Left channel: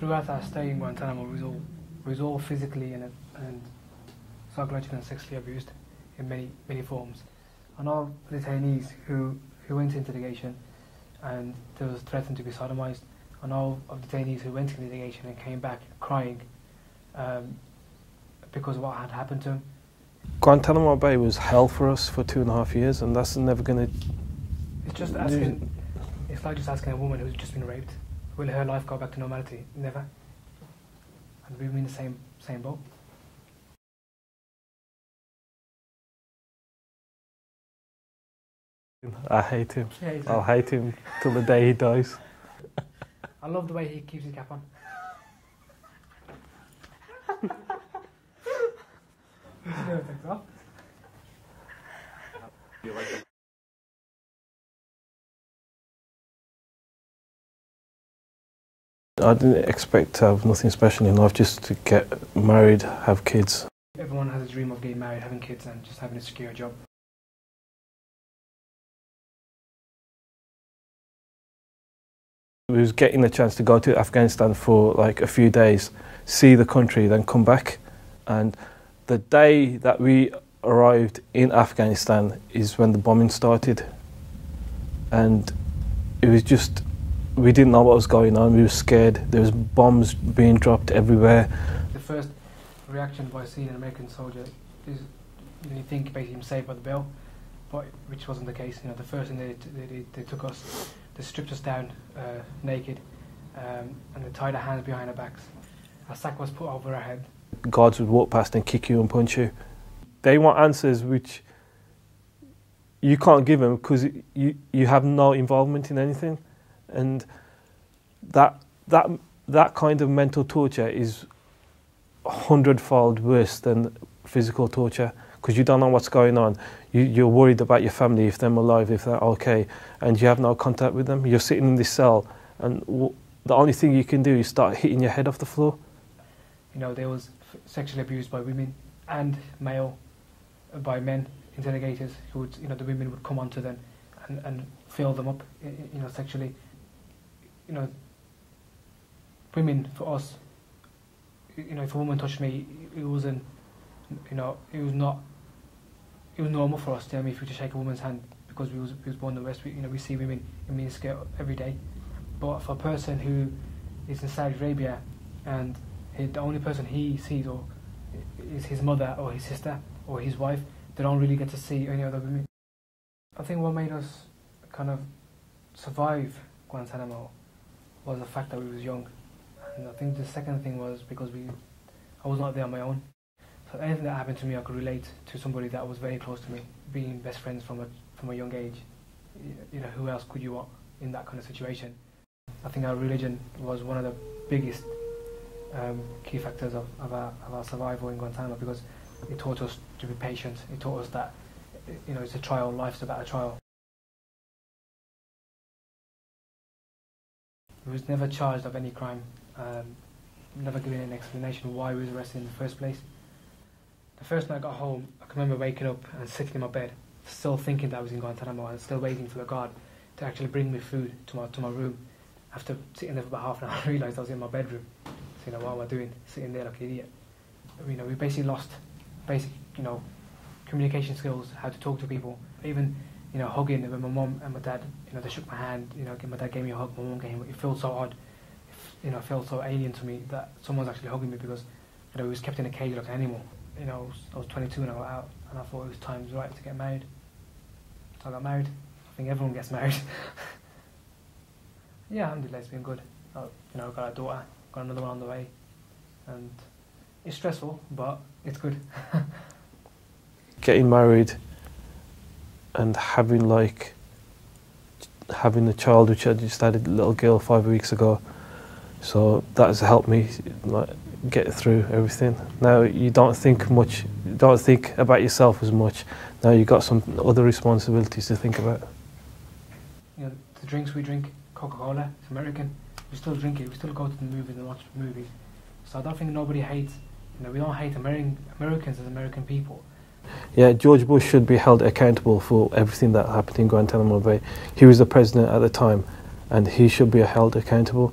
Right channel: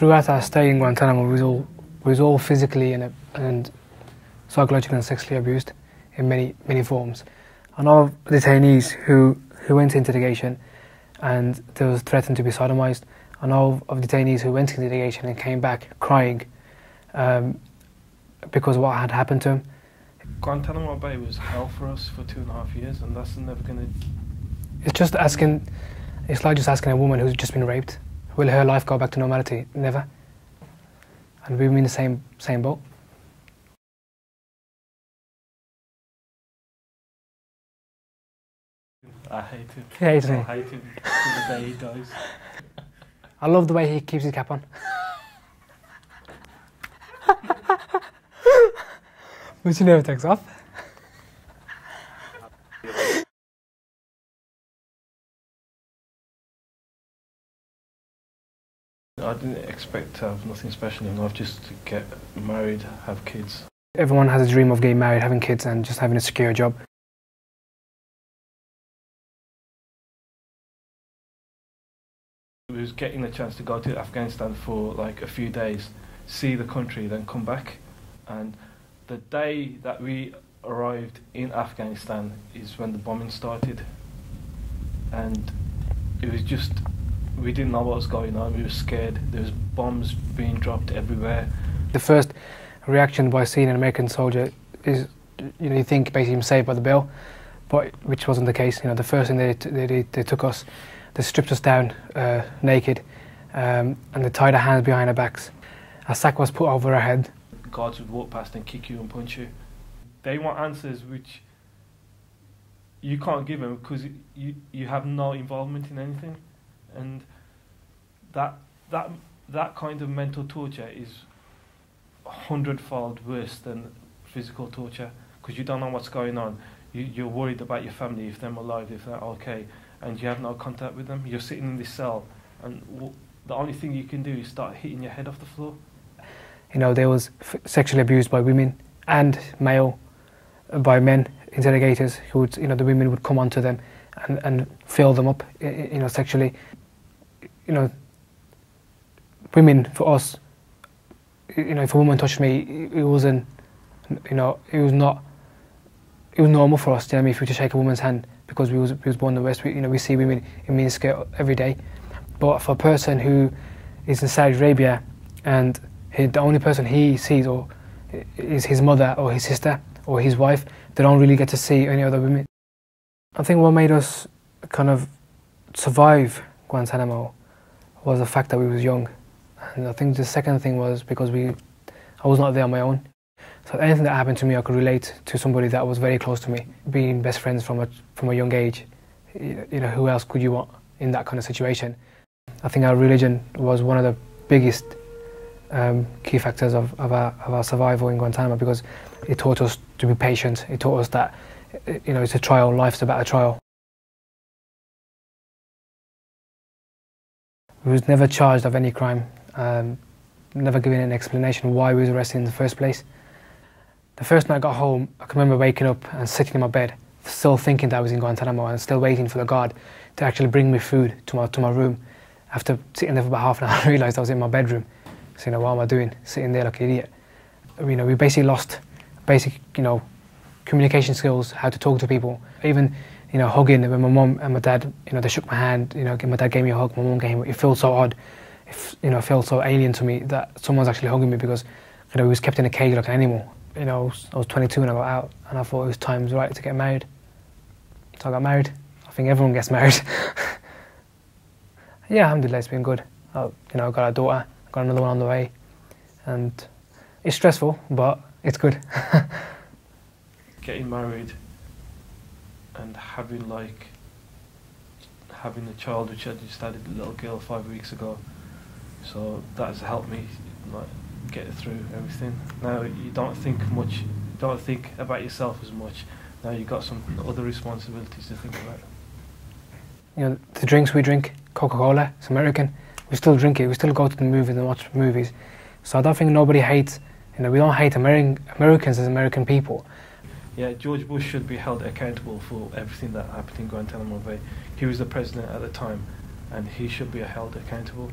Throughout our stay in Guantanamo, we was all physically and psychologically and sexually abused in many forms. I know detainees who went into interrogation and they was threatened to be sodomized. I know of detainees who went into interrogation and came back crying because of what had happened to them. Guantanamo Bay was hell for us for 2.5 years, and that's never going to... It's like just asking a woman who's just been raped, will her life go back to normality? Never. And we're in the same boat. I hate him. I'll hate him till the day he dies. I love the way he keeps his cap on. Which he never takes off. I didn't expect to have nothing special in life, just to get married, have kids. Everyone has a dream of getting married, having kids and just having a secure job. We was getting the chance to go to Afghanistan for like a few days, see the country, then come back. And the day that we arrived in Afghanistan is when the bombing started. And it was just, we didn't know what was going on, we were scared. There was bombs being dropped everywhere. The first reaction by seeing an American soldier is, you think basically I'm saved by the bell, but which wasn't the case. The first thing they took us, they stripped us down naked, and they tied our hands behind our backs. A sack was put over our head. Guards would walk past and kick you and punch you. They want answers which you can't give them because you have no involvement in anything, and that kind of mental torture is 100-fold worse than physical torture, because you don't know what's going on. You're worried about your family, if they're alive, if they're okay, and you have no contact with them. You're sitting in this cell, and the only thing you can do is start hitting your head off the floor. They was sexually abused by women and by men interrogators who would, the women would come onto them and fill them up, sexually. Women, for us, if a woman touched me, it wasn't, it was normal for us, if we were to shake a woman's hand, because we was born in the West, we see women in miniskirt every day. But for a person who is in Saudi Arabia and the only person he sees is his mother or his sister or his wife, they don't really get to see any other women. I think what made us kind of survive Guantanamo was the fact that we was young. And I think the second thing was because I was not there on my own. So anything that happened to me, I could relate to somebody that was very close to me. Being best friends from a young age, who else could you want in that kind of situation? I think our religion was one of the biggest key factors of our survival in Guantanamo, because it taught us to be patient. It taught us that it's a trial, life's about a trial. We was never charged of any crime, never given an explanation why we was arrested in the first place. The first night I got home, I can remember waking up and sitting in my bed, still thinking that I was in Guantanamo and still waiting for the guard to actually bring me food to my room. After sitting there for about half an hour, I realised I was in my bedroom. So, what am I doing? Sitting there like an idiot. We basically lost basic, communication skills, how to talk to people. Even, hugging, when my mum and my dad, they shook my hand, my dad gave me a hug, my mum gave me, it felt so odd. It felt so alien to me that someone's actually hugging me, because, we was kept in a cage like an animal. I was 22 when I got out, and I thought it was time right to get married. So I got married. I think everyone gets married. Yeah, alhamdulillah, it's been good. I got a daughter, got another one on the way, and it's stressful, but it's good. Getting married and having a child, which I just had a little girl 5 weeks ago, so that has helped me get through everything. Now you don't think about yourself as much. Now you've got some other responsibilities to think about. The drinks we drink, Coca-Cola, it's American. We still drink it. We still go to the movies and watch movies. So I don't think nobody hates. We don't hate Americans as American people. Yeah, George Bush should be held accountable for everything that happened in Guantanamo Bay. He was the president at the time, and he should be held accountable.